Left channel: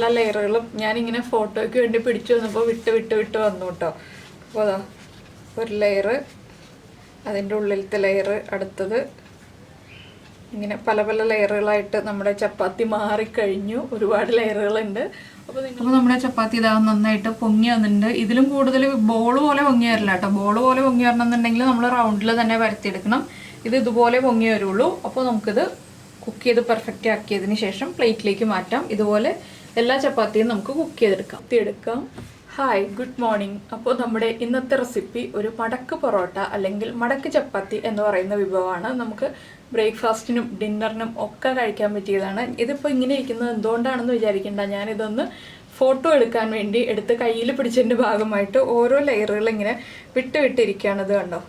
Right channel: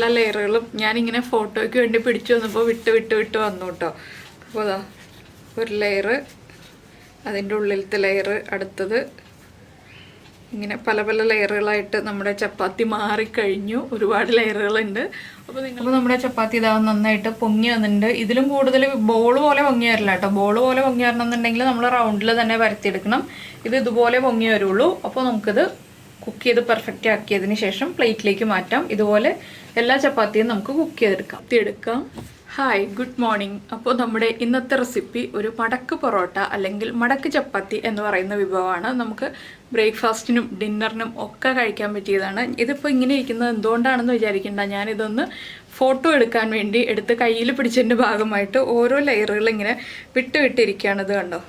എല്ലാ ലെയറുകളും ഞാനിങ്ങനെ ഫോട്ടോയ്ക്ക് വേണ്ടി പിടിച്ചു വന്നപ്പോൾ വിട്ട് വന്നു കേട്ടോ. അപ്പോൾ അതാ ഒരു ലെയറ്, അതിൻ്റെ ഉള്ളിലത്തെ ലെയറ്, അടുത്തത് ഇങ്ങനെ പല പല ലെയറുകളായിട്ട് നമ്മുടെ ചപ്പാത്തി മാറിക്കഴിഞ്ഞു. ഒരുപാട് ലെയറുകളുണ്ട്. അപ്പോൾ നമ്മുടെ ചപ്പാത്തി ഇതാ നന്നായിട്ട് പൊങ്ങി വന്നിട്ടുണ്ട്. ഇതിലും കൂടുതൽ ബോൾ പോലെ പൊങ്ങി വരില്ല കേട്ടോ. ബോൾ പോലെ പൊങ്ങി വരണമെന്നുണ്ടെങ്കിൽ നമ്മൾ റൗണ്ടിൽ തന്നെ പരത്തിയെടുക്കണം. ഇത് ഇതുപോലെ പൊങ്ങി വരുള്ളൂ. അപ്പോൾ നമുക്കിത് കുക്ക് ചെയ്ത് പെർഫെക്റ്റ് ആക്കിയതിന് ശേഷം പ്ലേറ്റിലേക്ക് മാറ്റാം. ഇതുപോലെ എല്ലാ ചപ്പാത്തിയും നമുക്ക് കുക്ക് ചെയ്തെടുക്കാം. Hi, good morning. അപ്പോൾ നമ്മുടെ ഇന്നത്തെ റെസിപ്പി ഒരു മടക്ക് പൊറോട്ട അല്ലെങ്കിൽ മടക്ക് ചപ്പാത്തി എന്ന് പറയുന്ന വിഭവമാണ്. നമുക്ക് ബ്രേക്ക്ഫാസ്റ്റിനും ഡിന്നറിനും ഒക്കെ കഴിക്കാൻ പറ്റിയതാണ്. ഇതിപ്പോൾ ഇങ്ങനെ ഇരിക്കുന്നത് എന്തുകൊണ്ടാണെന്ന് വിചാരിക്കേണ്ട. ഞാനിതൊന്ന് ഫോട്ടോ എടുക്കാൻ വേണ്ടി എടുത്ത് കയ്യിൽ പിടിച്ചതിൻ്റെ ഭാഗമായിട്ട് ഓരോ ലെയറുകൾ ഇങ്ങനെ വിട്ടിരിക്കുകയാണ്. ഇത് കണ്ടോ,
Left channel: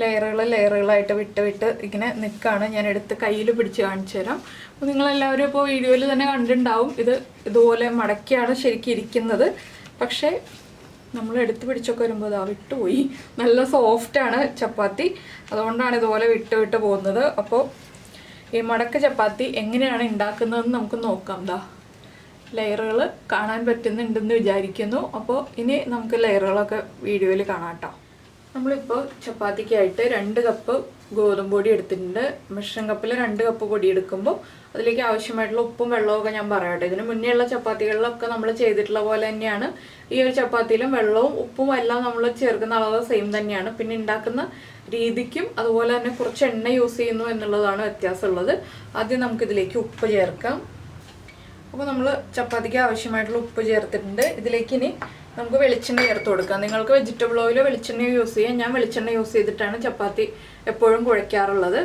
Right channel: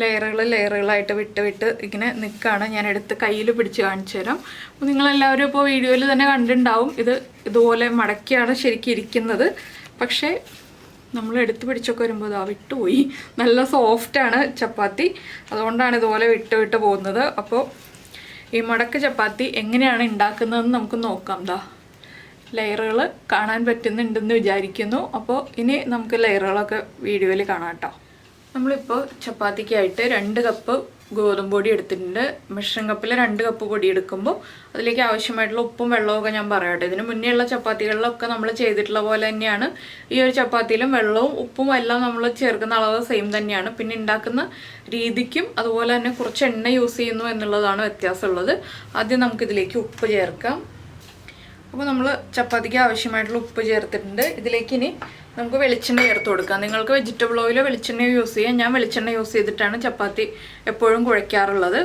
ലെയറുകളായിട്ട് വിട്ട് ഇങ്ങനെ നിൽക്കുകയാണ്. ഞാൻ എടുത്ത് കയ്യിൽ പിടിച്ച് കാണിച്ചു തരാം. അപ്പോൾ നിങ്ങളെല്ലാവരും ഇപ്പോൾ വീഡിയോയിൽ തന്നെ കണ്ടിട്ടുണ്ടാവും. ഇതുപോലെ മടക്കിയാണ് ശരിക്കും ഇരിക്കുന്നത്. പക്ഷേ നമ്മൾ എടുത്ത് പിടിച്ചൊക്കെ വരുമ്പോൾ ഇതാ വിട്ടുപോയി. നല്ല സോഫ്റ്റാണ് ചപ്പാത്തി, അതുകൊണ്ടാണ് ഇതുപോലെ വിട്ട് പോകുന്നത്. അപ്പോൾ ഈ മടക്ക് ചപ്പാത്തി എങ്ങനെയാണ് ഉണ്ടാക്കുന്നതെന്ന് നമുക്ക് നോക്കാം. ലെയറുകൾ കാണാൻ പറ്റുന്നുണ്ടെന്ന് വിചാരിക്കുന്നു. അപ്പോൾ ഇനി നമുക്ക് ലെയറുകളൊക്കെ വീഡിയോയിൽ കാണാം കേട്ടോ. നമ്മളിപ്പോൾ ചപ്പാത്തിക്കായിട്ട് 2 കപ്പ് ഗോതമ്പ് പൊടി എടുത്തിട്ടുണ്ട്. മെഷറിംഗ് കപ്പിൽ 2 കപ്പ് പൊടി എടുക്കുമ്പോൾ അതിലേക്ക് ആവശ്യമായിട്ടുള്ള ഉപ്പും വെള്ളമൊക്കെ ഞാൻ പറയട്ടെ. ഇതിന് മുന്നേ ഉള്ള ചപ്പാത്തികളിലൊക്കെ നമ്മൾ ചെയ്തിട്ടുള്ള പോലെ തന്നെയാണ് ഈ ഒരു ചപ്പാത്തിയിലും വെള്ളവും ഉപ്പും എല്ലാം നമ്മൾ ചേർക്കുന്ന അളവ് സെയിം തന്നെയാണ്. പിന്നെ ഉണ്ടാക്കുന്ന രീതിക്കും അതുപോലെ തന്നെ കുറച്ച് എണ്ണ യൂസ് ചെയ്യുന്നു എന്നുള്ളതാണ് വ്യത്യാസമുള്ളത്. ആദ്യം നമുക്കിതിലേക്ക് ഉപ്പ് ചേർക്കാം. അപ്പോൾ നമ്മൾ ചപ്പാത്തിക്ക് ആവശ്യമായിട്ടുള്ള ഉപ്പ് ചേർത്തിട്ടുണ്ട്. ഇതിലേക്ക് ഇനി നമുക്ക് വെളിച്ചെണ്ണ ചേർത്ത് കൊടുക്കാം. നിങ്ങൾക്ക് വെജിറ്റബിൾ ഓയിലോ വെളിച്ചെണ്ണയോ യൂസ് ചെയ്യാം. ഞാൻ വെളിച്ചെണ്ണ യൂസ് ചെയ്തിട്ടാണ് ചപ്പാത്തി എപ്പോഴും കുഴയ്ക്കാറുള്ളത്.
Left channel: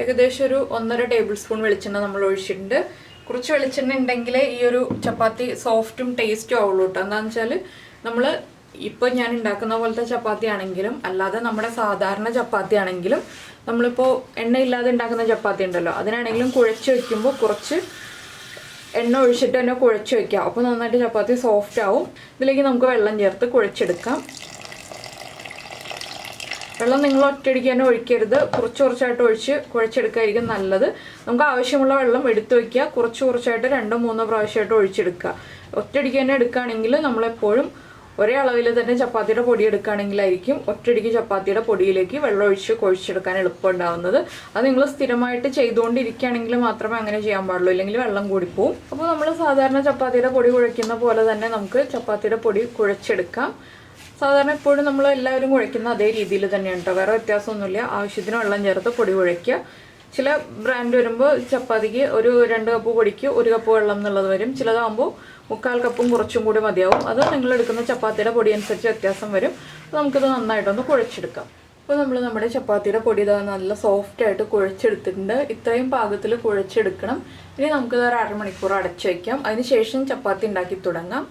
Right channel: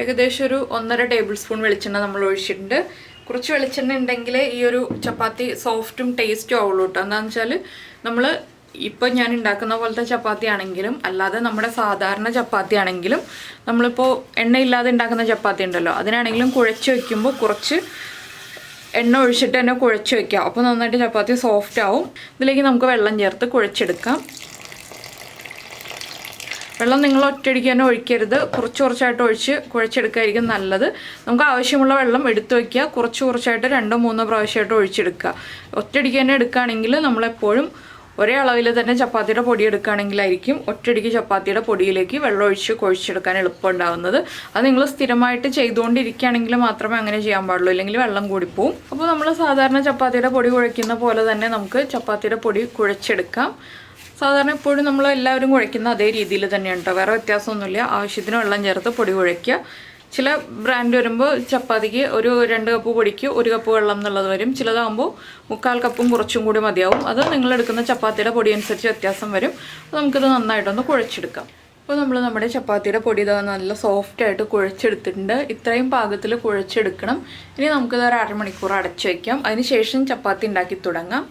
ഏകദേശം ഒരു 1.5 ടേബിൾ സ്പൂൺ വെളിച്ചെണ്ണ നമ്മൾ ഒഴിച്ചിട്ടുണ്ട്. കുറച്ച് വെളിച്ചെണ്ണ ഉണ്ടെങ്കിൽ ഈ ഒരു ചപ്പാത്തി സോഫ്റ്റും ടേസ്റ്റും ആവുള്ളൂ കേട്ടോ. എന്താണെന്ന് വെച്ചാൽ നമ്മൾ ഇപ്പം ഞാൻ ഉണ്ടാക്കുന്ന പോലത്തെ ചപ്പാത്തി ആണെങ്കിലും അല്ലാതെ നമ്മുടെ സാധാരണ ചപ്പാത്തി ആണെങ്കിലും നമ്മളിപ്പോൾ എണ്ണയില്ലാതെ ഉണ്ടാക്കുന്ന ചപ്പാത്തി ഉണ്ടല്ലോ, അതിനാണെങ്കിലും കുഴച്ച് വയ്ക്കുമ്പോൾ കുറച്ച് എണ്ണ ഒഴിച്ചിട്ട് തന്നെ കുഴച്ച് വയ്ക്കാം. അപ്പോൾ നന്നായിട്ട് ചപ്പാത്തി സോഫ്റ്റ് ആവും. ഇതിലേക്ക് നമുക്ക് വെള്ളം ചേർത്ത് കുഴച്ചെടുക്കാം. വെള്ളം നിങ്ങൾ ഒറ്റയടിക്ക് തന്നെ ഒഴിക്കരുത്. കുറച്ചായിട്ട് ഒഴിച്ച് കുഴച്ചെടുക്കായിരിക്കും നല്ലത്. നമുക്ക് ആവശ്യമുള്ള വെള്ളം എടുത്തു വയ്ക്കുക. കുറച്ചായിട്ട് 2-3 പ്രാവശ്യമായിട്ട് ഒഴിച്ചെടുക്കുക. ഒറ്റയടിക്ക് തന്നെ എടുക്കുകയാണെങ്കിൽ നമ്മളെപ്പോഴും ഒരേ അളവിൽ തന്നെ ചപ്പാത്തിയുടെ പൊടി എടുക്കുകയാണെങ്കിലായിരിക്കും ഒറ്റയടിക്ക് ചപ്പാത്തിയുടെ പൊടിയിലേക്ക് വെള്ളം ഒഴിച്ച് കുഴച്ചെടുക്കാൻ എളുപ്പമുണ്ടാകുന്നത്. അത് നിങ്ങൾ സ്ഥിരമായിട്ട് ചെയ്തുകൊണ്ടിരിക്കുകയാണെങ്കിൽ മാത്രമേ അങ്ങനെ ചെയ്യാൻ പാടുള്ളൂ, ഇല്ലെങ്കിൽ വെള്ളം കൂടിപ്പോവും. അപ്പോൾ നമ്മൾ സാധാരണ ചപ്പാത്തിയുടെ പൊടി കുഴയ്ക്കുന്ന പോലെ തന്നെ നമുക്ക് ചപ്പാത്തിയുടെ പൊടി കുഴച്ചെടുക്കാം. സാധാരണ എപ്പോഴും നമ്മൾ എല്ലാവരും കുഴയ്ക്കുന്ന അതേ രീതിയിൽ തന്നെയാണ് കേട്ടോ, വേറെ വ്യത്യാസമൊന്നുമില്ല. ആവശ്യത്തിന് വെള്ളം ചേർത്ത് പൊടി കുഴയ്ക്കുക. ചില ബ്രാൻഡ് വരുമ്പോൾ ചപ്പാത്തിക്ക് ഒരു 2 കപ്പ് പൊടിക്ക് 1 കപ്പ് വെള്ളം എന്നുള്ളത് വരും. ചിലതാകുമ്പോൾ 3/4 കപ്പും കുറച്ചും കൂടി മതിയാവും. അത് നിങ്ങൾ എടുക്കുന്ന ചപ്പാത്തിയുടെ പൊടി അനുസരിച്ച് വ്യത്യാസം വരും. നമുക്കിത് നന്നായിട്ടൊന്ന് കുഴച്ചെടുക്കാം. അപ്പോൾ നമ്മൾ നമ്മുടെ ചപ്പാത്തിയുടെ പൊടി ഇതാ നല്ല സോഫ്റ്റായിട്ട് കുഴച്ചെടുത്തിട്ടുണ്ട്. ഇത്രയും പാകത്തിൽ കുഴച്ചെടുക്കണം. ഇനി നമുക്കിത് ഒരു 1/2 മണിക്കൂർ അടച്ചു വയ്ക്കാം. അതിന് ശേഷം ചപ്പാത്തി ഉണ്ടാക്കി തുടങ്ങാം.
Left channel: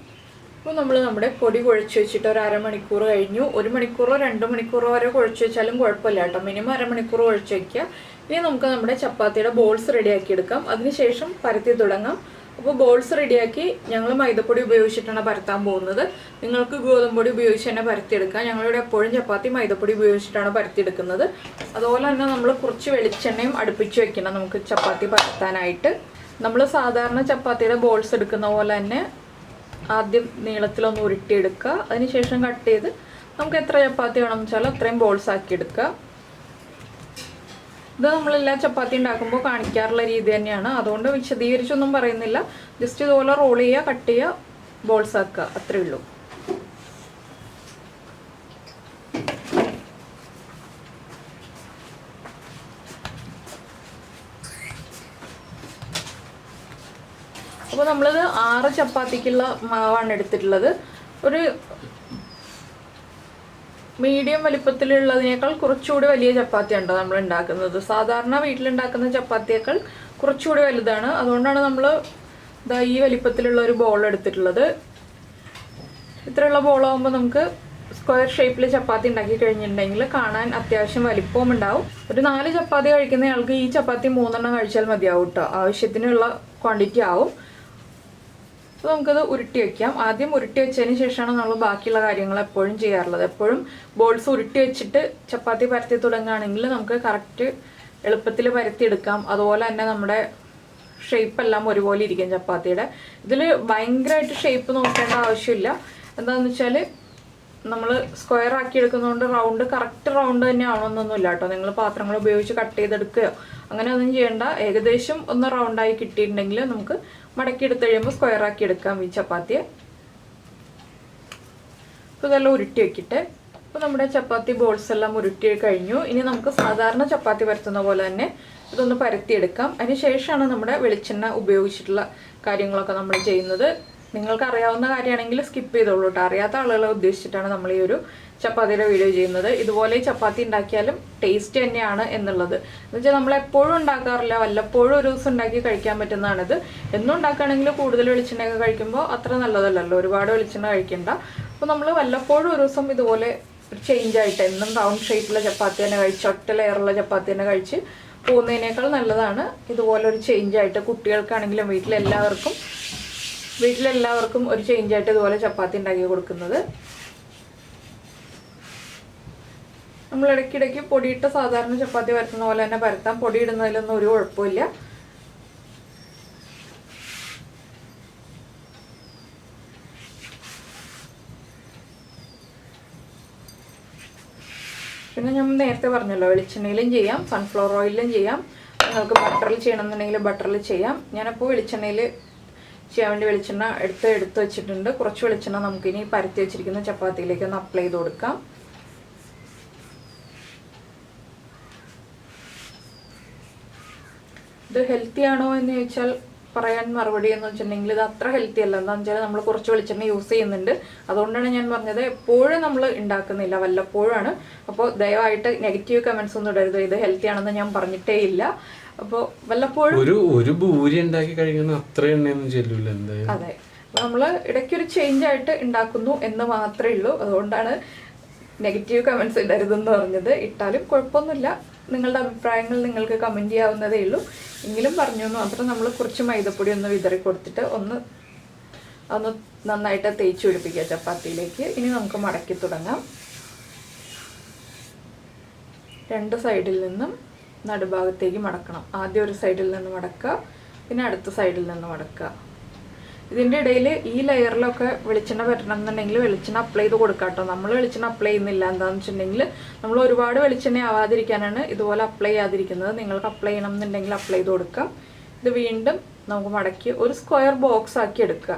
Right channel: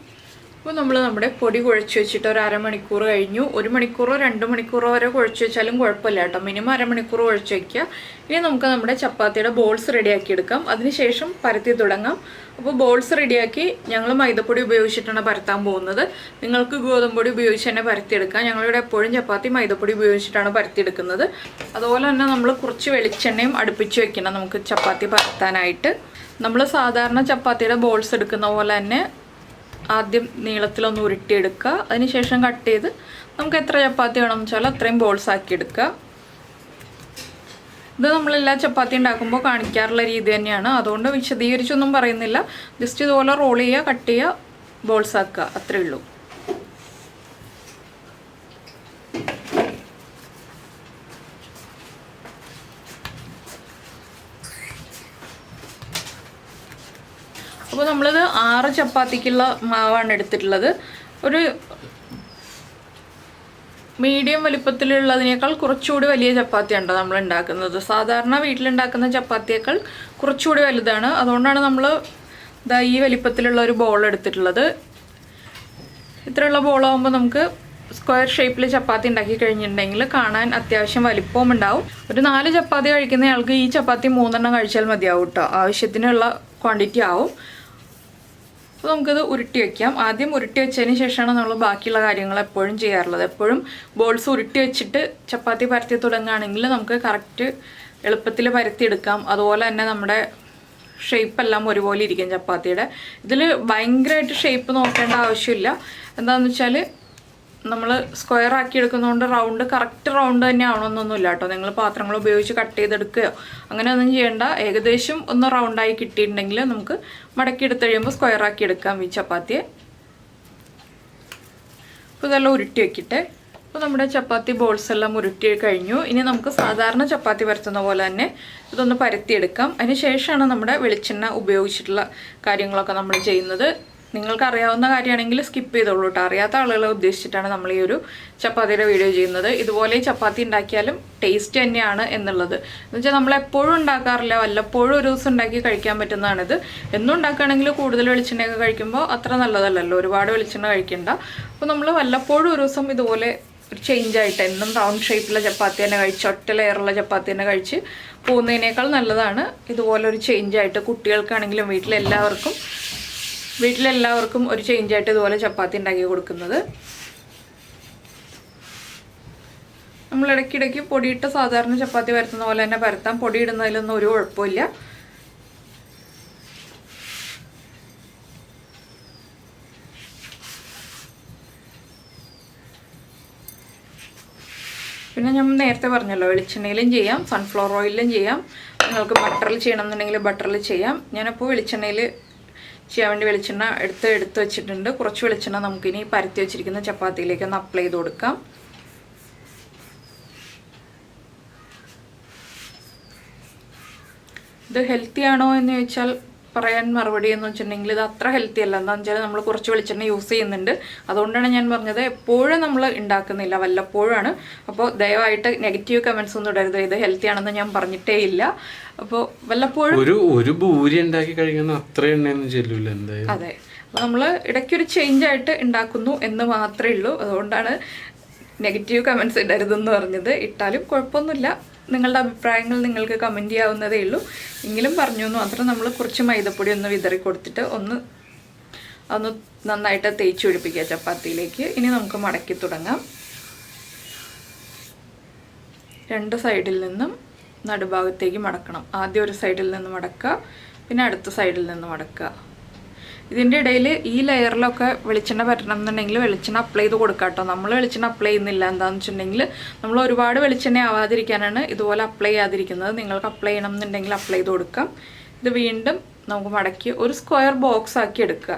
അപ്പോൾ നമ്മൾ നമ്മുടെ പൊടി കുഴച്ച് വെച്ചിട്ട് ഒരു 1/2 മണിക്കൂർ കഴിഞ്ഞു. 1 മണിക്കൂറോ 2 മണിക്കൂറോ വരെ കുഴച്ച് വെച്ചാലും കുഴപ്പമില്ല കേട്ടോ. മിനിമം 1/2 മണിക്കൂർ കുഴച്ച് വയ്ക്കുക. ഇനി നമുക്ക് നമ്മുടെ ചപ്പാത്തിയുടെ ബോൾസ് റെഡിയാക്കി എടുക്കാം. അതിനുശേഷം പരത്തി തുടങ്ങാം. അപ്പോൾ ബോൾസ് റെഡിയാക്കി ഞങ്ങൾ മൈദപ്പൊടി ഉപയോഗിച്ചിട്ടാണ് പരത്താൻ പോകുന്നത്. നിങ്ങൾക്ക് ഗോതമ്പൊടി ഉപയോഗിച്ച് തന്നെ പരത്തിയെടുക്കാം. ഞങ്ങളിവിടെ എപ്പോഴും ചപ്പാത്തി മൈദപ്പൊടി ഉപയോഗിച്ചിട്ടാണ് പരത്തിയെടുക്കുന്നത്. അതുപോലെ തന്നെ നമ്മൾ കുറച്ച് വെളിച്ചെണ്ണയും അടുപ്പിച്ച് വെക്കണം നമുക്ക് ചപ്പാത്തി പരത്താനായിട്ട്. നമ്മൾ സാധാരണ ചപ്പാത്തിയുടെ ബോൾസ് എടുക്കുന്ന പോലെ തന്നെ ആദ്യം നീളത്തിലൊന്ന് ഉരുട്ടിയെടുക്കുക. അതിനുശേഷം കട്ട് ചെയ്ത് നമുക്ക് എത്ര ചപ്പാത്തി വേണമെന്ന് വെച്ചാൽ അത്രയും ബോൾസ് ആക്കി എടുക്കുക. ഇത് നമ്മളെല്ലാ ചപ്പാത്തി ഉണ്ടാക്കുമ്പോൾ കാണിക്കാറുള്ള രീതി തന്നെയാണ്. അതുകൊണ്ട് വിശദീകരിച്ചൊന്നും പറയുന്നില്ല. ജസ്റ്റ് ഇതുപോലെ റോൾ ചെയ്യുക, കട്ട് ചെയ്യുക, ബോൾസ് ആക്കുക, അത്രയേ ഉള്ളൂ. അപ്പോൾ നമ്മളിത് 6 ചപ്പാത്തിക്കുള്ള മാവാണ് എടുത്തിട്ടുള്ളത്. ഒരു മീഡിയം വലിപ്പത്തിലുള്ളതിനേക്കാൾ കുറച്ചുകൂടി വലിയ ചപ്പാത്തിയാണ് നമ്മൾ ഉണ്ടാക്കുന്നത്. സാധാരണ വീട്ടിലുണ്ടാക്കുന്ന ചപ്പാത്തിയേക്കാൾ കുറച്ചുകൂടി വലുതാണ്. അതുകൊണ്ടാണ് നമ്മൾ ഈ വലിപ്പത്തിലുള്ള ഒരു ബോൾ എടുത്തിട്ടുള്ളത്. ഇത്രയുള്ള ബോളാകുമ്പോൾ നമുക്ക് സ്ക്വയർ ഷേപ്പിൽ ചപ്പാത്തി ഉണ്ടാക്കി കഴിഞ്ഞിട്ടുണ്ടെങ്കിൽ കാണാൻ അത്യാവശ്യം വലിപ്പവും ഉണ്ടാവും. ഒരു 4 ചപ്പാത്തി കഴിക്കുന്ന ആൾക്ക് ഈ ചപ്പാത്തി 3 എണ്ണം കഴിച്ചാൽ മതിയാവും കേട്ടോ. ആവശ്യത്തിനുള്ള ക്വാണ്ടിറ്റി ആവും. അപ്പോൾ നമുക്കത് ഉരുട്ടി വയ്ക്കാം. ആദ്യം ഉരുട്ടി വെച്ചതിന് ശേഷമാണ് നമ്മൾ ബാക്കിയുള്ള കാര്യങ്ങൾ എപ്പോഴും ചെയ്യാറുള്ളത്. എപ്പോഴും ബോൾസ് ഉരുട്ടി വെച്ചിട്ട് ചപ്പാത്തി പരത്തി തുടങ്ങുകയാണെങ്കിൽ നമുക്ക് കറക്റ്റ് എളുപ്പത്തിൽ പരത്തിയെടുക്കാം. അതുപോലെ തന്നെ നമ്മുടെ ഷേപ്പെല്ലാം ഒരുപോലെ ഇരിക്കും ചപ്പാത്തിയുടെ. ഇതിൽ ഭയങ്കരമായിട്ട് ഷേപ്പ് നോക്കേണ്ട ആവശ്യമില്ല. എന്താണെന്ന് വെച്ചാൽ നമ്മൾ സ്ക്വയർ ആക്കി എടുക്കുന്നതുകൊണ്ട് റൗണ്ട് കറക്റ്റ് റൗണ്ട് തന്നെ ആവണമെന്നൊന്നുമില്ല കേട്ടോ. നിങ്ങൾ പാത്രങ്ങൾ ഉപയോഗിച്ച് കട്ട് ചെയ്തെടുക്കുകയോ അങ്ങനെയൊന്നും ചെയ്യേണ്ട. ഏകദേശം ഒന്ന് റൗണ്ടായി കിട്ടിയിട്ടുണ്ടെങ്കിൽ നമുക്ക് മടക്കി എടുത്ത് കഴിയുമ്പോൾ സ്ക്വയർ ആക്കി എടുക്കാം ഈ ചപ്പാത്തിയെ. അപ്പോൾ ഇതെല്ലാം ഉരുട്ടി വെക്കിട്ടെ. അപ്പോൾ നമ്മുടെ ചപ്പാത്തി ബോൾസ് എല്ലാം ഉരുട്ടി കഴിഞ്ഞു. ഇനി നമുക്ക് സാധാരണ ചപ്പാത്തി പരത്തുന്ന പോലെ തന്നെ ഇതൊന്ന് പരത്തിയെടുക്കാം. അതിന് ശേഷമാണ് നമ്മുടെ വെളിച്ചെണ്ണ ഉപയോഗിച്ചിട്ടുള്ള കാര്യങ്ങളൊക്കെ നമ്മൾ ചെയ്യുന്നത്. നിങ്ങൾക്ക് അറിയാവുന്ന കാര്യമാണെങ്കിൽ സ്കിപ്പ് ചെയ്തോളൂ കേട്ടോ. അറിയാത്ത ആളുകളെ ഉദ്ദേശിച്ചിട്ടാണ് നമ്മൾ ഈ ഒരു ചപ്പാത്തിയുടെ വീഡിയോ ചെയ്യുന്നത്. ഇതുപോലെ ചപ്പാത്തി ഉണ്ടാക്കിയാലും ടേസ്റ്റ് തന്നെയാണ് എന്നുള്ളത്. എന്നുവെച്ചാൽ നമ്മൾ എപ്പോഴും ഉണ്ടാക്കാറില്ല, വല്ലപ്പോഴും ഒരു ദിവസം ഉണ്ടാക്കി കഴിക്കാൻ പറ്റുന്നതാണിത്. എന്നും ഉണ്ടാക്കുകയാണെങ്കിൽ കൂടുതൽ വെളിച്ചെണ്ണയൊക്കെ കഴിക്കുമ്പോൾ അത്ര നല്ലതല്ലല്ലോ, ഒരുപാട് വെളിച്ചെണ്ണ കഴിക്കണ്ട. അപ്പോൾ നമ്മൾ വല്ലപ്പോഴും ഒരു ദിവസം ഇതുപോലെ ഒരു ചേഞ്ചായിട്ട് എന്നും റൗണ്ട് ഷേപ്പിലുള്ള ചപ്പാത്തി തന്നെ കഴിച്ച് ഒറ്റ ലെയറുള്ള ചപ്പാത്തി തന്നെ കഴിച്ച് പോകുന്നതിനേക്കാൾ നല്ലതാണ് ഇതുപോലെ ഒരു ചേഞ്ചായിട്ട്. കുട്ടികൾക്കാണെങ്കിലും വീട്ടിലെല്ലാവർക്കും ഒരു ചേഞ്ചായിട്ട് ഇതുപോലെ ചപ്പാത്തി ഉണ്ടാക്കി കൊടുക്കുന്നത്. നമ്മൾ ഇടയ്ക്കിടയ്ക്ക് പൊടിയിട്ട സാധാരണ ചപ്പാത്തി പരത്തുന്ന പോലെ തന്നെ പരത്താം. പൊടി ഇടുന്നതിലൊന്നും ഒരു കുഴപ്പമില്ല. പിന്നെ ഞാൻ നേരത്തെ പറഞ്ഞല്ലോ, വെളിച്ചെണ്ണയിലും ചെയ്യാം, സൺഫ്ലവർ ഓയിലും ചെയ്യാം. നിങ്ങൾക്ക് ബട്ടറിൽ ചെയ്യണമെന്നുണ്ടെങ്കിൽ ബട്ടറിൽ ചെയ്യാം. ഞാനിപ്പോൾ വെളിച്ചെണ്ണയിൽ ചെയ്യാൻ വേണ്ടി വെളിച്ചെണ്ണ എടുത്ത് വെച്ചിട്ടുണ്ട്. കുറച്ച് വെളിച്ചെണ്ണ നമുക്കിനി പരത്തി വെച്ചിരിക്കുന്ന ചപ്പാത്തിയിലേക്ക് ഒന്ന് അപ്ലൈ ചെയ്ത് കൊടുക്കാം. ഇത് ഹെൽത്തി ആണോ എന്ന് ചോദിച്ചാൽ പറയാൻ മറുപടി എന്ന് വെച്ചിട്ടുണ്ടെങ്കിൽ ഇത് അത്ര ഹെൽത്തി അല്ല. എന്താണെന്ന് വെച്ചാൽ നമ്മൾ കുറച്ച് വെളിച്ചെണ്ണ യൂസ് ചെയ്യുന്നുണ്ട്. അതുകൊണ്ടാണ് ഞാൻ പറഞ്ഞത് എപ്പോഴും നമ്മൾ ഉണ്ടാക്കുന്നില്ല, വല്ലപ്പോഴാണ്. അപ്പോൾ ദയവായിട്ട് നെഗറ്റീവ് കമൻസ് ഒന്നും ഇടരുത്. ഇത് ഹെൽത്തി ആണെന്ന് ഞാൻ പറഞ്ഞിട്ടേ ഇല്ല. അപ്പോൾ വല്ലപ്പോഴും ഒരു ഭൂരി ഉണ്ടാക്കി കഴിക്കുന്ന അത്ര എണ്ണയൊന്നും ചെല്ലൂല എന്തായാലും. അതെ, അപ്പോൾ നമ്മൾ ഇടയ്ക്കൊരു ചേഞ്ച് ആയിട്ട് ഉണ്ടാക്കുന്നു എന്ന് മാത്രമേ ഉള്ളൂ. അതുകൊണ്ടാണ് നെഗറ്റീവ് കമൻസ് ഇടരുതെന്ന് പറഞ്ഞത്. ഇട്ടാലും കുഴപ്പമൊന്നുമില്ല. നിങ്ങളുടെ അഭിപ്രായങ്ങൾ നിങ്ങൾക്ക് കമൻറ്റ് ചെയ്യാവുന്നതേ ഉള്ളൂ. എങ്കിലും പറഞ്ഞു എന്ന് മാത്രം. നമ്മൾ കുറച്ച് മൈദപ്പൊടി ഒന്ന് വിതറി കൊടുത്തിട്ട് ഒന്ന് നന്നായിട്ട് തേച്ച് പിടിപ്പിക്കുക ചപ്പാത്തിയിലേക്ക്. ഇനി നമുക്ക് മടക്കി തുടങ്ങാം. രണ്ട് സൈഡിൽ നിന്നും നടുഭാഗത്തേക്ക് മടക്കണം. ആദ്യം ഒരു സൈഡിൽ നിന്ന് മടക്കുക, പിന്നെ അടുത്ത സൈഡിൽ നിന്ന് മടക്കുക. ഇതിൻ്റെ ഇടയിൽ ഈ ലെയറിലൊക്കെ വെളിച്ചെണ്ണ പറ്റണം എന്നുണ്ടെങ്കിൽ വെളിച്ചെണ്ണ അപ്ലൈ ചെയ്ത് കൊടുക്കാം കേട്ടോ. നമ്മൾ വെളിച്ചെണ്ണ അപ്ലൈ ചെയ്യുന്നില്ല. എന്താണെന്ന് വെച്ചിട്ടുണ്ടെങ്കിൽ നമ്മൾ ഒരുപാട് വെളിച്ചെണ്ണ ആവാതിരിക്കാനാണ് ഇതുപോലെ അപ്ലൈ ചെയ്യാതിരിക്കുന്നത്. നിങ്ങൾക്ക് അപ്ലൈ ചെയ്യണം എന്നുണ്ടെങ്കിൽ അപ്ലൈ ചെയ്ത് കൊടുക്കാം. ഇത് വീണ്ടും നമുക്ക് മടക്കി ഒരു സ്ക്വയർ ബോക്സ് ആക്കി എടുക്കുക.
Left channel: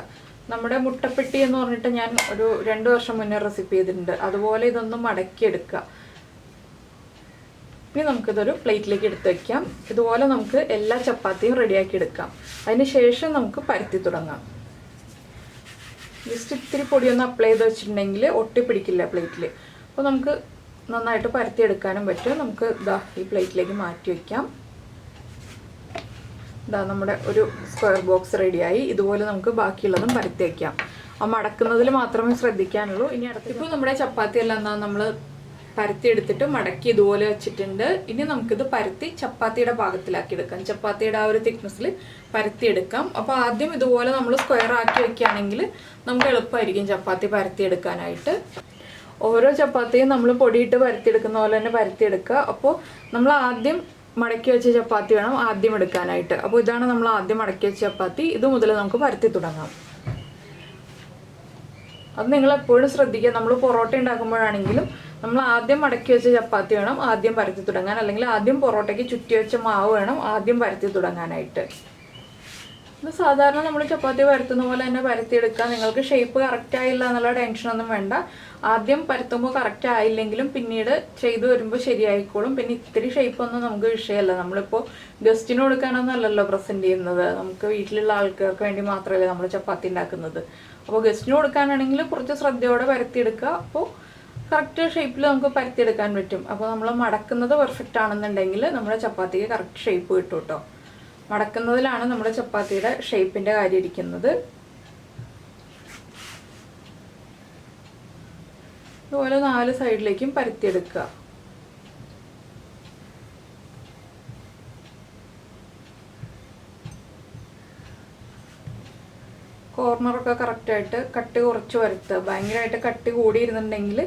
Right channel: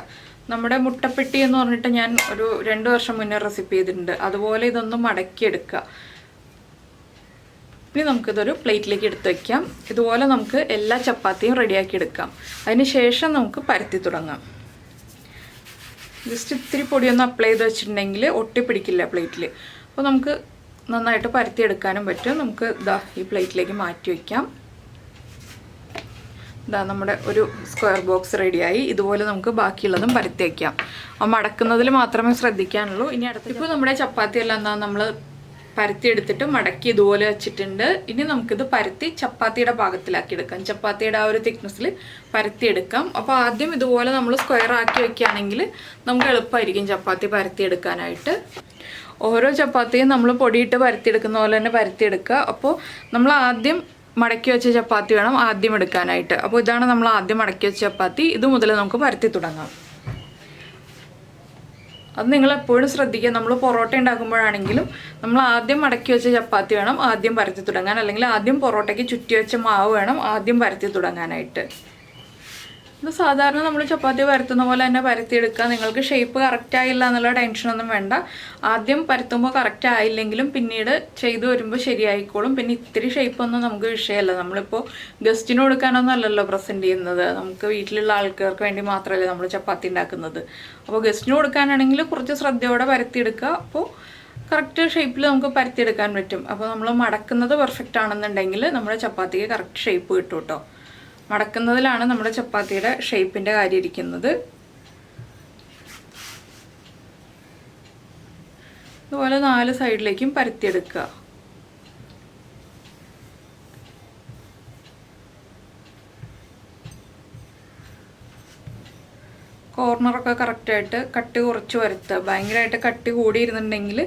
നമ്മുടെ മുട്ടപ്പെട്ടി എന്ന് പറഞ്ഞിട്ട് ഞാൻ ഒരു 2 വർഷം മുന്നേ റെസിപ്പി ചെയ്തിട്ടുണ്ട്. അതുപോലെ ഇതൊന്ന് മടക്കി എടുക്കുക. ഇനി നമുക്കിതൊരു പ്ലേറ്റിലേക്ക് എടുത്ത് വയ്ക്കാം. ഇതുപോലെ നമുക്ക് എല്ലാ ചപ്പാത്തിയും റെഡിയാക്കി എടുക്കാം. അതിന് ശേഷം നമുക്ക് പരത്തി തുടങ്ങാം. ജസ്റ്റ് ഇത്തിരി പൊടിയൊന്ന് അപ്ലൈ ചെയ്ത് വെച്ചിട്ടുണ്ടെങ്കിൽ ഒട്ടിപ്പിടിക്കില്ല പ്ലേറ്റിൽ. അപ്പോൾ നമുക്ക് നന്നായിട്ട് പരത്തി എടുക്കാനും പറ്റും. നമുക്ക് ഈ പ്ലേറ്റിലേക്ക് മാറ്റി വയ്ക്കാം. നമ്മുടെ ഒരു സ്ക്വയർ ബോക്സ് റെഡിയായി. ഇതുപോലെ നമുക്ക് ബാക്കിയുള്ളതും പരത്തി വയ്ക്കാം. അപ്പോൾ മടക്കുന്നതിൽ മാത്രമേ ശ്രദ്ധിക്കാനുള്ളൂ. ഇനി ഇപ്പോൾ നമ്മുടെ ചപ്പാത്തി എല്ലാം നമ്മൾ പരത്തി എടുത്തിട്ട് മടക്കി ഇതുപോലെ വെച്ചിട്ടുണ്ട്. ഇനി നമുക്കിത് പരത്തി ചപ്പാത്തിയുടെ പാകത്തിലാക്കി എടുക്കാം. ചപ്പാത്തിയുടെ ആ ഒരു തിക്നെസ്സിൽ പരത്തി എടുക്കാം. അപ്പോൾ ആദ്യം ഇതുപോലെ നമ്മൾ സ്ക്വയർ ആക്കി വെക്കുകയാണെങ്കിൽ നമുക്ക് എളുപ്പമായിരിക്കും ചപ്പാത്തി പരത്തി എടുക്കാനായിട്ട്. ഓരോ ചപ്പാത്തിയും നമ്മൾ പൊടിയിട്ട് പരത്തിയെടുക്കുന്ന പോലെ തന്നെ പരത്തിയെടുക്കുക. അപ്പോൾ നമ്മൾ ആദ്യം മടക്കി വെച്ച ചപ്പാത്തി വേണം ആദ്യം എടുക്കാനായിട്ട്. അപ്പോൾ ഇതാണ് നമ്മൾ ആദ്യം മടക്കി വെച്ച ചപ്പാത്തി. ഇത് മുതൽ നമുക്ക് പരത്തി തുടങ്ങാം. അത് നിങ്ങൾ എപ്പോഴും ശ്രദ്ധിക്കുക. നമ്മൾ പൊറോട്ട ഉണ്ടാക്കുമ്പോഴാണെങ്കിലും നമ്മൾ ആദ്യം മടക്കി വെച്ച ചപ്പാത്തി വേണം ആദ്യം പരത്തി തുടങ്ങാൻ. അല്ലെങ്കിൽ ആദ്യം പൊറോട്ടയ്ക്ക് ചുറ്റി വെച്ച മാവ് വേണം ആദ്യം പരത്തി തുടങ്ങാനായിട്ട്. ഇത് സാധാരണ നമ്മൾ ചപ്പാത്തി പരത്തുന്ന പോലെ തന്നെ പരത്തിയെടുക്കുക. നിങ്ങൾക്ക് ഷേപ്പ് കറക്റ്റ് ആയില്ല എന്നുള്ള ടെൻഷനൊന്നും വേണ്ട. ആദ്യം പരത്തുമ്പോൾ കറക്റ്റ് ആയില്ലെങ്കിലും പിന്നീട് ചെയ്തു വരുമ്പോൾ ശരിയായിക്കോളും. പിന്നെ ഇത്തിരി ഷേപ്പൊന്നും നമുക്ക് വിഷയമല്ല. നമ്മളിപ്പോൾ ഗസ്റ്റിന് കൊടുക്കാനൊന്നും അല്ലല്ലോ പ്രസൻറ്റ് ചെയ്യുന്നത്. നമുക്ക് വീട്ടിലുള്ള ആൾക്കാർക്ക് വേണ്ടി മാത്രമല്ലേ നമ്മൾ ചപ്പാത്തി ഉണ്ടാക്കുന്നത്. അപ്പോൾ ഗസ്റ്റിന് കൊടുക്കാനാണെങ്കിൽ കുറച്ച് ശ്രദ്ധയോടെ പരത്തിയെടുക്കുക. അപ്പോൾ കറക്റ്റ് ഷേപ്പിൽ നമുക്ക് പരത്തിയെടുക്കാൻ പറ്റും. അപ്പോൾ നമ്മൾ മടക്കുന്നത് പെർഫെക്റ്റ് ആണെന്നുണ്ടെങ്കിൽ നമ്മുടെ ചപ്പാത്തിക്ക് കറക്റ്റ് ഷേപ്പ് കിട്ടും കേട്ടോ. മടക്കുന്നതിലാണ് നമ്മുടെ ചപ്പാത്തിയുടെ ഷേപ്പിൻ്റെ കാര്യം ഇരിക്കുന്നത്. ഇതുപോലെ 4 സൈഡിലേക്കും പരത്തിയെടുക്കുക. കോർണറൊക്കെ കറക്റ്റായിട്ട് കട്ടി കുറച്ച് വരുത്തുക. ഭയങ്കരമായിട്ട് കട്ടി കൂടിയിരുന്നുണ്ടെങ്കിൽ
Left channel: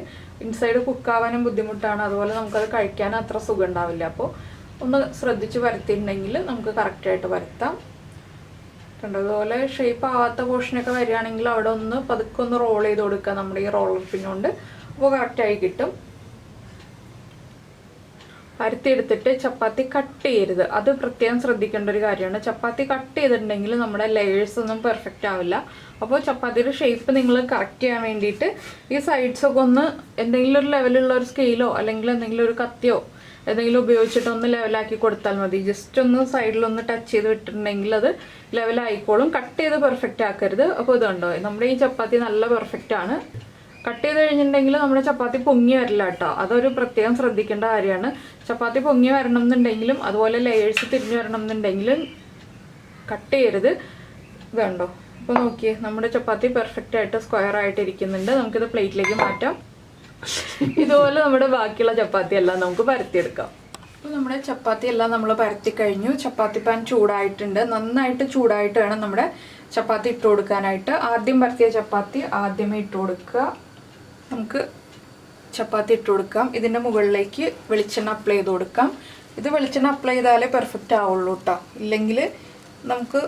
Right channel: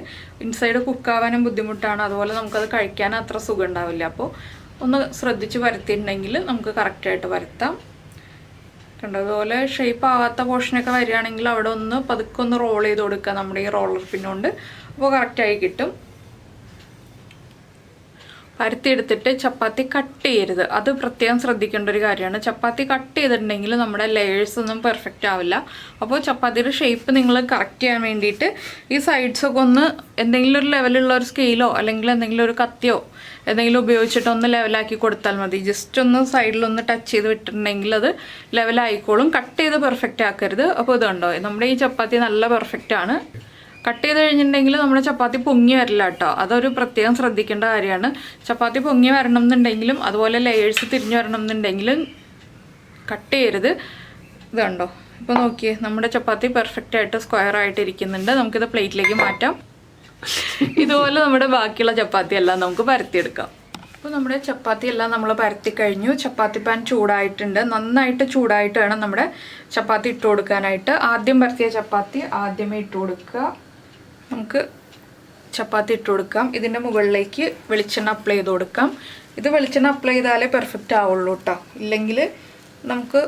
ഇൻസൈഡ് കുക്കാവാനും ബുദ്ധിമുട്ടാണ്, അതുപോലെ നമുക്കത് കഴിക്കാൻ അത്ര സുഖം ഉണ്ടാവില്ല. അപ്പോൾ ഒന്ന് ശ്രദ്ധിച്ച് വരുത്തിയിട്ടുണ്ടെങ്കിൽ നമുക്ക് കറക്റ്റായിട്ട് വരുത്താം. കണ്ടോ, അതുപോലെ ഷേപ്പ് ആവാത്ത പോർഷനൊക്കെ വരികയാണെങ്കിൽ അവിടെ ഒന്ന് പതുക്കെ ഒന്ന് റോൾ ചെയ്ത് കൊടുക്കുക നമ്മുടെ ഈ റോളർ പിന്നുകൊണ്ട്. അപ്പോൾ കറക്റ്റായി കിട്ടും. പരത്തിയെടുത്തിട്ട് ചപ്പാത്തി കട്ട് ചെയ്യരുത്, അത് പ്രത്യേകം ശ്രദ്ധിക്കേണ്ട ഒരു കാര്യമാണ്. ചപ്പാത്തി കട്ട് ചെയ്തിട്ടുണ്ടെങ്കിൽ നമ്മുടെ ലെയേഴ്സ് ഒന്നും പെർഫെക്റ്റ് ആവില്ല. അപ്പോൾ ചപ്പാത്തിയുടെ ഷേപ്പ് നിങ്ങൾ കറക്റ്റ് ചെയ്യാൻ വേണ്ടിയിട്ട് ഈ സൈഡ്സൊക്കെ ഒന്ന് എന്തെങ്കിലും ഒരു ലെവലുള്ള ഒരു സ്കെയിലോ അല്ലെങ്കിൽ എന്തെങ്കിലും ഒരു കത്തിയോ എന്തെങ്കിലും ഉപയോഗിച്ചിട്ട് ഒന്ന് ലെവലാക്കി കൊടുത്താൽ മതി. ജസ്റ്റ് ഒന്ന് സൈഡിലൊന്ന് ടച്ച് ചെയ്ത് വിട്ടിട്ടുണ്ടെങ്കിൽ അത് ലെവലായിക്കോളും. കട്ട് ചെയ്ത് പെർഫെക്റ്റ് ആക്കരുത്. അപ്പോൾ ഇത് കണ്ടോ, നമ്മുടെ ഈ ചപ്പാത്തി നല്ല പെർഫെക്റ്റ് ആണ്. കട്ട് ചെയ്ത് കഴിഞ്ഞിട്ടുണ്ടെങ്കിൽ നമ്മുടെ ചപ്പാത്തി പൊങ്ങി വരില്ല കേട്ടോ, അതൊരു പ്രത്യേകം ശ്രദ്ധിക്കേണ്ട കാര്യമാണ്. ചപ്പാത്തി പൊങ്ങി വരണം എന്നുണ്ടെങ്കിലും അതുപോലെ ലെയേഴ്സ് തിരിഞ്ഞു വരണം എന്നുണ്ടെങ്കിലും കട്ട് ചെയ്യരുത്. ഇത് കണ്ടോ, ഇപ്പോൾ നോക്കിയേ, നമ്മുടെ ചപ്പാത്തി പെർഫെക്റ്റ് ആയിട്ട് സ്ക്വയർ ആയിട്ട് ഇരിക്കുന്നുണ്ട്. നമുക്കിത് പ്ലേറ്റിലേക്ക് മാറ്റാം. ഇതുപോലെ നമ്മുടെ ബാക്കിയുള്ള ചപ്പാത്തി എല്ലാം നമുക്ക് പരത്തിയെടുക്കാം. അപ്പോൾ നമ്മുടെ ചപ്പാത്തി എല്ലാം നമ്മൾ പരത്തി കഴിഞ്ഞു. ചപ്പാത്തി പാൻ ചൂടായിട്ടുണ്ട്, നന്നായിട്ട് ചൂടായിട്ട് വേണം നമ്മുടെ ചപ്പാത്തി ഇട്ട് കൊടുക്കാനായിട്ട്. ആദ്യം പരത്തിയ ചപ്പാത്തി ആദ്യമേ ഇട്ട് കൊടുക്കുക. നമുക്ക് ചപ്പാത്തി ഇട്ട് കൊടുക്കാം. ഇതിൻ്റെ മുകളിലേക്ക് വെളിച്ചെണ്ണ അപ്ലൈ ചെയ്ത് കൊടുക്കാം. ഇത് വെളിച്ചെണ്ണ അപ്ലൈ ചെയ്താലേ പെർഫെക്റ്റ് ആവുള്ളൂ കേട്ടോ, ഇല്ലെങ്കിൽ നമുക്ക്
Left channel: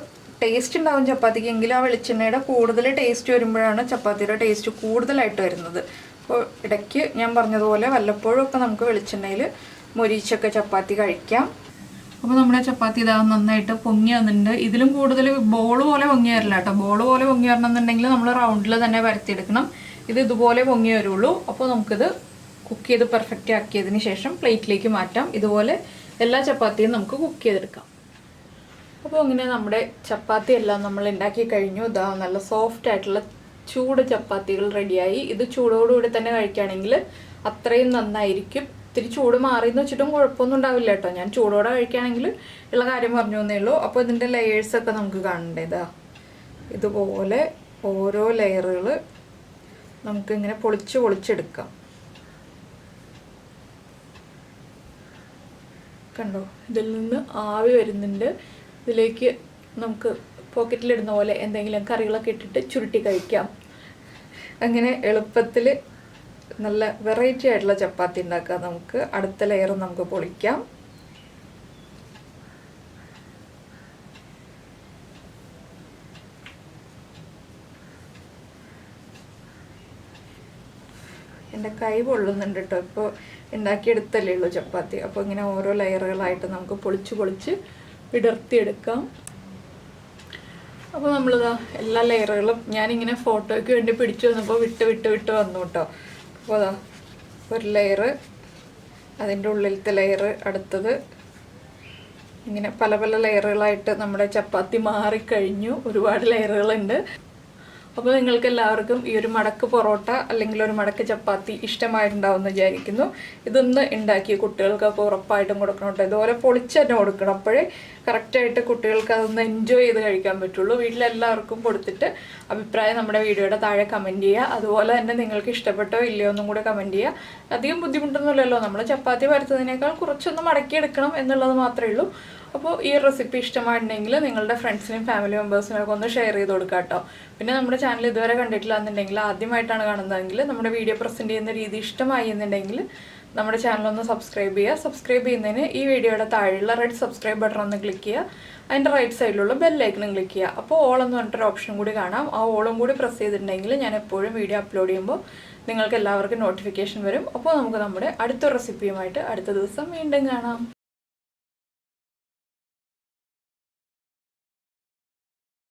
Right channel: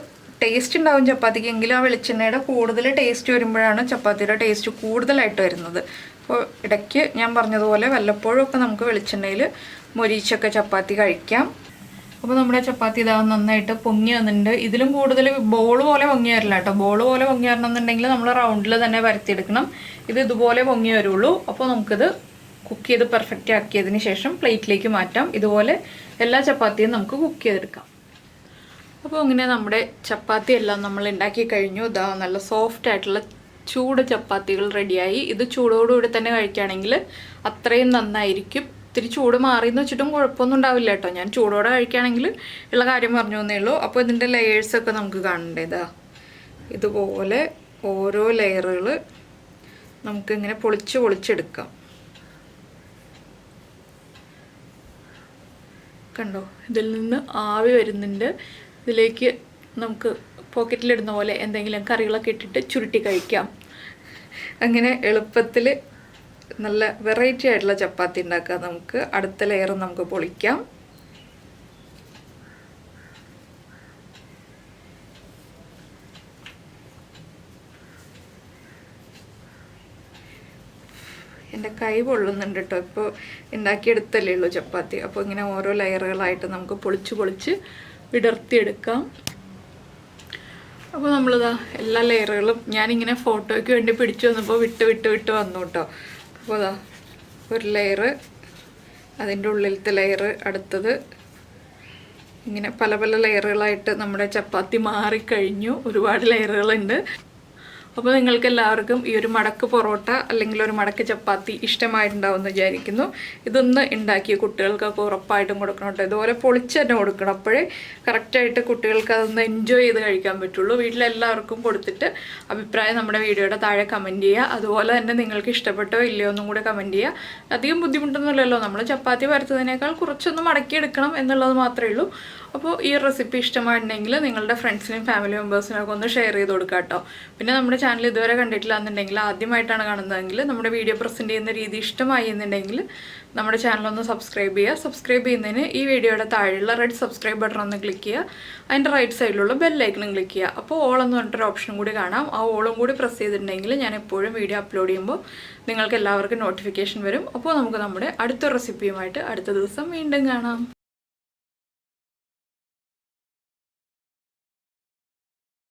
ടേസ്റ്റ് ഉണ്ടാവും ചപ്പാത്തിക്കെങ്കിലും ആ വെളിച്ചെണ്ണയുടെ കൂടുതൽ ടേസ്റ്റ് വരുമ്പോഴാണ് ചപ്പാത്തിയുടെ ടേസ്റ്റ് കൂടുതലായിട്ട് വരുന്നത്. അപ്പോൾ ഇടയ്ക്ക് ഞാൻ പറഞ്ഞതുപോലെ വല്ലപ്പോഴും ഒക്കെ നമുക്ക് വെളിച്ചെണ്ണയിൽ മൊരിച്ചൊക്കെ ചപ്പാത്തി കഴിക്കാം. അപ്പോൾ നമ്മുടെ ചപ്പാത്തി ഇതാ നന്നായിട്ട് പൊങ്ങി വന്നിട്ടുണ്ട്. ഇതിലും കൂടുതൽ ബോൾ പോലെ പൊങ്ങി വരില്ല കേട്ടോ. ബോൾ പോലെ പൊങ്ങി വരണം എന്നുണ്ടെങ്കിൽ നമ്മൾ റൗണ്ടിൽ തന്നെ പരത്തിയെടുക്കണം. ഇത് ഇതുപോലെ പൊങ്ങി വരുള്ളൂ. അപ്പോൾ നമുക്കിത് കുക്ക് ചെയ്ത് പെർഫെക്റ്റ് ആക്കിയതിന് ശേഷം പ്ലേറ്റിലേക്ക് മാറ്റാം. ഇതുപോലെ എല്ലാ ചപ്പാത്തിയും നമുക്ക് കുക്ക് ചെയ്തെടുക്കാം. അപ്പോൾ ഇങ്ങനെ നമ്മുടെ ചപ്പാത്തി എല്ലാം നമ്മൾ ഉണ്ടാക്കി കഴിഞ്ഞു. ഇതാ നല്ല സോഫ്റ്റ് ആയിട്ടുള്ള ചൂട് ചപ്പാത്തികൾ റെഡിയായി. ഇത് ചൂടോടുകൂടി തന്നെ കഴിക്കുകയാണെങ്കിൽ അത്രയും നന്നായിരിക്കും. ഇത്തിരി ചൂട് മാറിയെന്ന് വെച്ചിട്ടും കുഴപ്പമൊന്നും ഉണ്ടാവില്ല കേട്ടോ. ഞാൻ ചൂടോടെ കഴിക്കുകയാണെങ്കിൽ ഉള്ള കാര്യം പറഞ്ഞു തന്നേ ഉള്ളൂ. അപ്പോൾ ഇതിൻ്റെ ലെയേഴ്സൊക്കെ നമുക്ക് കാണണ്ടേതാ, ഇതുപോലെ ഓരോ ലെയറുകൾ നമുക്കിങ്ങനെ പൊളിച്ചെടുക്കാം. കണ്ടോ, ഇതിൽ നിന്ന് ആവി വരുന്നുണ്ട്. ഇതിലേക്ക് നമുക്ക് പോക്കറ്റിലിടുന്ന പോലെ എന്തെങ്കിലും കറികളൊക്കെ ഇട്ടിട്ട് ചുരുട്ടി കഴിക്കാം. അങ്ങനെ എളുപ്പത്തിൽ നല്ല വെറൈറ്റി ആയിട്ടുള്ള ചപ്പാത്തി ഉണ്ടാക്കാം. നമുക്ക് അടുത്ത ലെയർ നമുക്ക് പൊളിക്കാം. എൻ്റെ കൈ പൊള്ളുന്നുണ്ട് കേട്ടോ, ഇപ്പോൾ ഉണ്ടാക്കിയെടുത്തല്ലേ ഉള്ളൂ ചപ്പാത്തി. അപ്പോൾ ഇങ്ങനെ ഓരോ ലെയറുകളായിട്ട് നമുക്ക് പൊളിച്ച് വിടർത്തിയെടുക്കാം. അപ്പോൾ നമ്മളിതാ എല്ലാ ലെയറുകളും ഞാനിങ്ങനെ ഫോട്ടോയ്ക്ക് വേണ്ടി പിടിച്ചു വന്നപ്പോൾ വിട്ട് വന്നു കേട്ടോ. അപ്പോൾ അതാ ഒരു ലെയറ്, അതിൻ്റെ ഉള്ളിലത്തെ ലെയറ്, അടുത്തത്, ഇങ്ങനെ പല ലെയറുകളായിട്ട് നമ്മുടെ ചപ്പാത്തി മാറിക്കഴിഞ്ഞു. ഒരുപാട് ലെയറുകളുണ്ട്. അപ്പോൾ നിങ്ങൾക്ക് എല്ലാവർക്കും ഈ ഒരു മടക്ക് പൊറോട്ട അല്ലെങ്കിൽ ഒരു മടക്ക് ചപ്പാത്തി ഇഷ്ടമായിട്ടുണ്ടാവും എന്ന് വിചാരിക്കുന്നു. ഇതൊന്ന് ഉണ്ടാക്കി കുട്ടികൾക്കൊക്കെ ഉറപ്പായിട്ടും കൊടുക്കണം കേട്ടോ. ഇതുപോലെ പൊളിച്ച് തന്നെ കൊടുക്കണം, അപ്പോഴേ കറക്റ്റായിട്ട് കുട്ടികൾക്ക് അതൊന്ന് എൻജോയ് ചെയ്ത് കഴിക്കാൻ പറ്റുള്ളൂ. വീട്ടിലെല്ലാവർക്കും കൊടുത്തിട്ട് അഭിപ്രായം നമ്മുടെ വീഡിയോയുടെ താഴെ കമൻറ്റ് ചെയ്യുക. അതുപോലെ തന്നെ നിങ്ങൾക്ക് ഇഷ്ടപ്പെട്ടോ ഇല്ലയോ ഒന്നും കൂടെ കമൻറ്റ് ചെയ്യുക. അധികം ബുദ്ധിമുട്ടൊന്നുമില്ലല്ലോ, നമ്മൾ ചപ്പാത്തി പരത്തുന്നതിനേക്കാൾ കുറച്ചൊന്ന് മടക്കിയെടുക്കണം എന്നുള്ളത് മാത്രമേ ഉള്ളൂ. അപ്പോൾ ഈ റെസിപ്പി ഇഷ്ടമായിട്ടുണ്ടെങ്കിൽ നിങ്ങളുടെ ഫ്രണ്ട്സിനും ഫാമിലി മെമ്പേഴ്സിനൊക്കെ ഒന്ന് ഷെയർ ചെയ്ത് കൊടുക്കുക കേട്ടോ. പിന്നെ നമ്മുടെ ചാനൽ ഇതുവരെ കണ്ടിട്ടില്ല എന്നുണ്ടെങ്കിൽ, ആദ്യമായിട്ടാണ് കാണുന്നതെങ്കിൽ, നമ്മുടെ വീഡിയോ പ്രസൻറ്റ് ചെയ്യുന്ന രീതി ഇഷ്ടമായി എന്നുണ്ടെങ്കിൽ നമ്മുടെ ചാനലൊന്ന് സബ്സ്ക്രൈബ് ചെയ്യുക. സബ്സ്ക്രൈബ് ചെയ്യുന്നതിന് ഈ വീഡിയോയുടെ താഴെയുള്ള റെഡ് സബ്സ്ക്രൈബ് ബട്ടൺ ഒന്ന് ക്ലിക്ക് ചെയ്യുക. അതിൻ്റെ റൈറ്റ് സൈഡിലുള്ള ബെല്ലൈക്കണും ക്ലിക്ക് ചെയ്യുക. അപ്പോൾ ഓൾ എന്ന് പറഞ്ഞിട്ടൊരു ഓപ്ഷനും കൂടി കാണാം. ആ ഓളും കൂടി പ്രസ് ചെയ്തിട്ടുണ്ടെങ്കിൽ ഞാൻ എപ്പോഴും വീഡിയോ അപ്ലോഡ് ചെയ്യുമ്പോൾ നിങ്ങൾക്ക് എല്ലാവർക്കും നോട്ടിഫിക്കേഷൻ വരും. അപ്പോൾ നമുക്ക് നമ്മുടെ അടുത്ത റെസിപ്പിയുമായിട്ട് അടുത്ത ദിവസം വീണ്ടും കാണാം.